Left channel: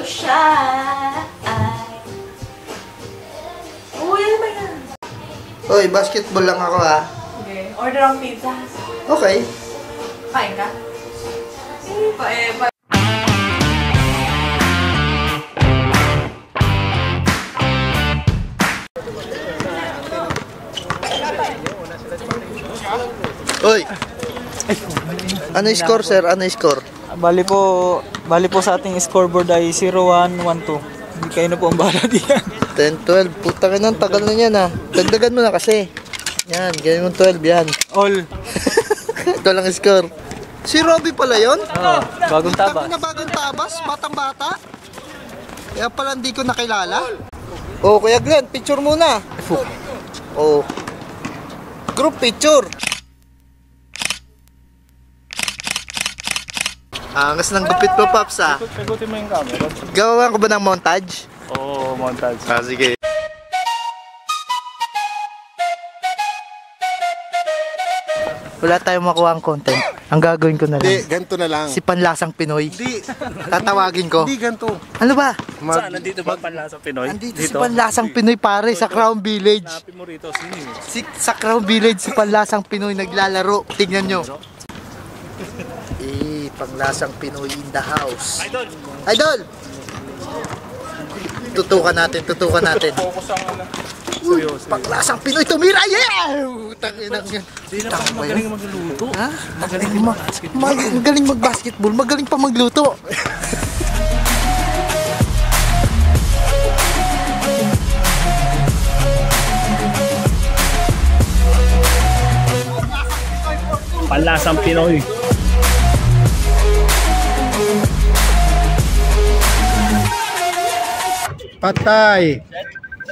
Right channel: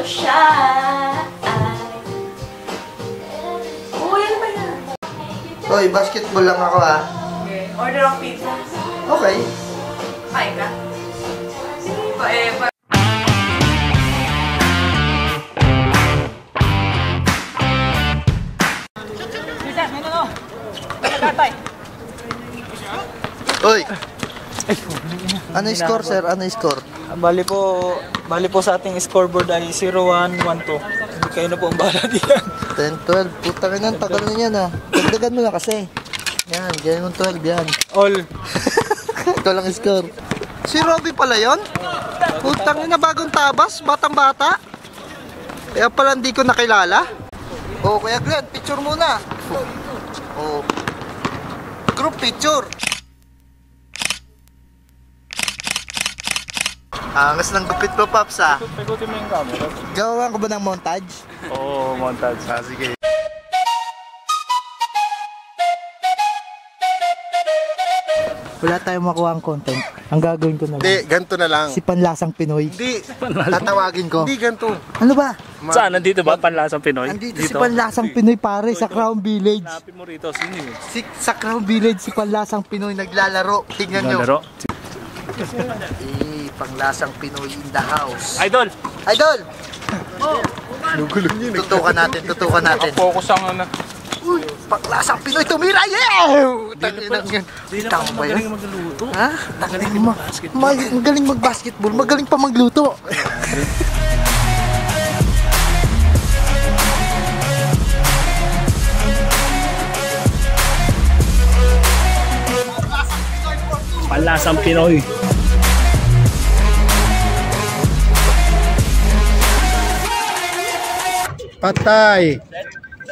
so shy. Uy, ano ba yan? Hoy, basketball lang ako ha. Okay, order ang pizza. Okay. Kain ka? Sige pa eh. Hoy! Ano yung score, sir? Ano yung score? Bali po sa ating scoreboard ay 0-1-1-2. Hindi kayo na po ang bahala diyan. 10-12. Putang ina, tagal na yan ha. Dagdagan mo na kasi. Yan, ganyan mo 12 yan. All. Ito lang yung score. Si Robby pala yun? Putang ina, bagong tabas, batang bata. Kaya pala hindi ko nakilala. Oh, Kuya Glenn, picture muna. Oh. Group picture. Angas ng gupit mo, Paps, ha? Pagutin mo yung camera. Gawa ko ba ng montage? Oo, montage. Sige. Wala tayong makuha ang content. Ang gagawin ko na lang. Hindi, ganito na lang. Si Panlasang Pinoy. Hindi. Tatawagin ko. Hindi ganito. Ano ba? Saan? Nandito ba Panlasang Pinoy? Andito si Panlasang Pinoy, pare, sa Crown Village. Hanapin mo rito. Sino yun? Sa Crown Village, si Panlasang Pinoy naglalaro. Tingnan nyo. Panglasang Pinoy in the house. Idol! Idol! Tutukan natin, tutukan natin. Uy, Panglasang Pinoy tumira! Yeah! Tanginang yan. Tama ba yan? Magluto. Ha? Magaling mag-basketball, magaling pa magluto. Panlasang Pinoy. Patay.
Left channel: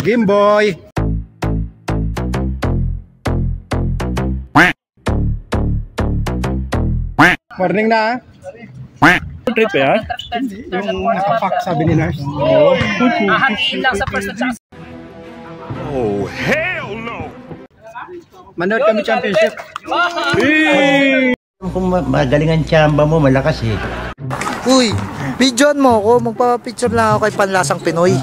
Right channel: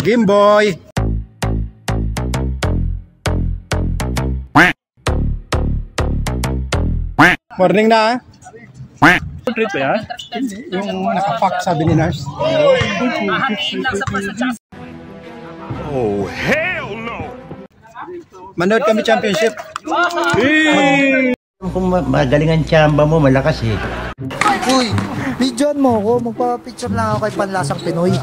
Gameboy. Morning na. Trip yan? Yung nakapak sabi ni nurse. Oh, hell no! Manood kami championship. Kung magaling ang tsamba mo, malakas eh. Uy, videoan mo ako. Magpapapicture lang ako kay Panlasang Pinoy.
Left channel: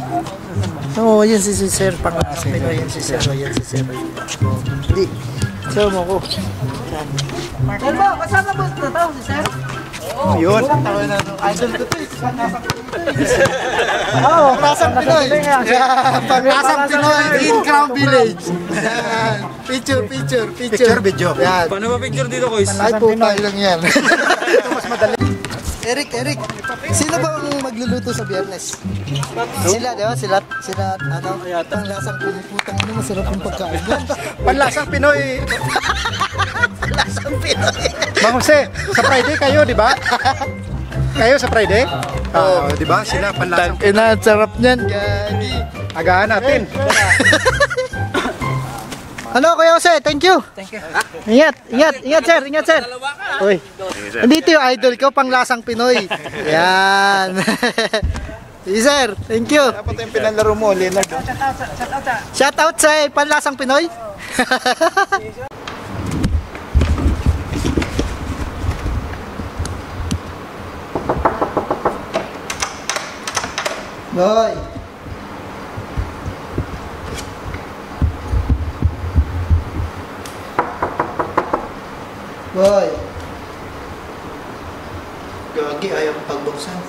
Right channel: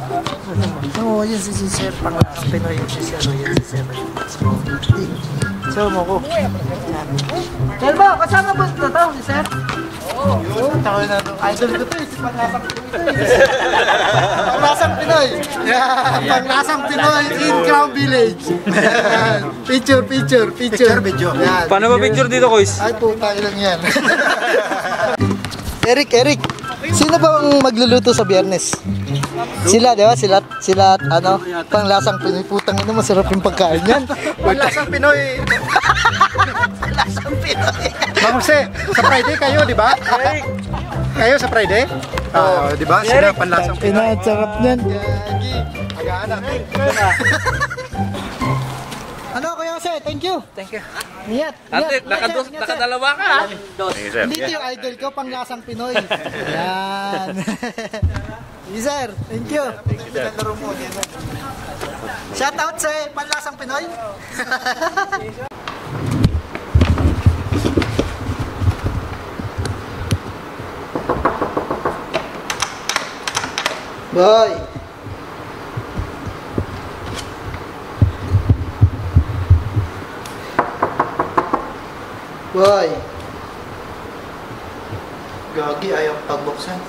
Oo, yun si Sir Panlasang Pinoy. Yan si Sir. Yan si Sir. Hindi. Sir mo ko. Yan. Sir ba, kasama ba ito to si Sir? Oo. Yun, tawa na ito. Idol ko ito eh, si Panlasang Pinoy. Oo, Panlasang Pinoy. Yan, Panlasang Pinoy in Crown Village. Yan. Picture. Picture video. Yan. Paano ba picture dito, guys? Ay, puta, ilang yan. Eric, sino bang magluluto sa Biyernes? Sila, di ba? Sila, ano, Panglasang Pinoy. Putang ina, masarap yung pagkain yan. Panlasang Pinoy. Panlasang Pinoy. Mang Jose, sa Friday kayo, di ba? Kayo sa Friday? Oo, di ba? Sila Panlasang Pinoy. Sarap niyan, gagi. Agahan natin. Ano, Kuya Jose? Thank you. Ingat, sir. Uy, dito yung idol ko, Panglasang Pinoy. Yan. Sige, sir. Thank you. Dapat yung pinalaro mo, Leonard. Shout out sa Panlasang Pinoy. Boy. Boy. Gagi, ayaw pagbuksan.